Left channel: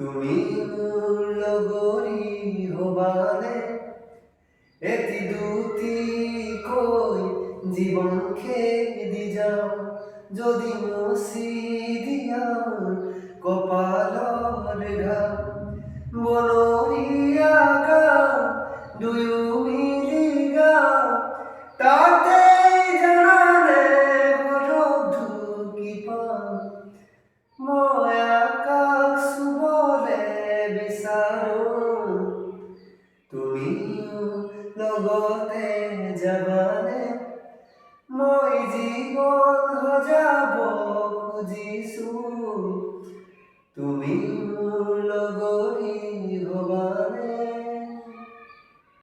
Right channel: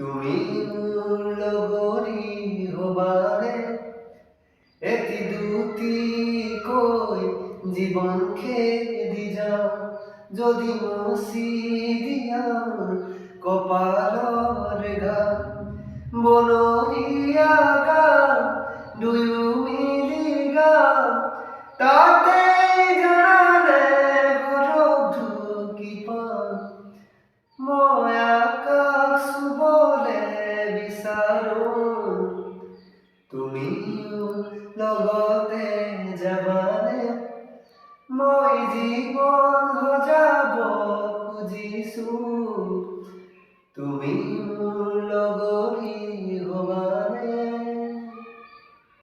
তুমি মোৰ লগৰী হবানে এটি দুটি কৈ জীৱন খেদি যাওঁ যদি মচি দিয়া কপালৰ ঘাম বনৰীয়া গান দুয়ো মিলি গাম তাতে জানানে সৰগ ঢুকি পাম মই আকাশ চুবলে বিচাৰোঁ তুমিও লগতে যাবানে মই জীৱন সজাব খুজিছোঁ তুমি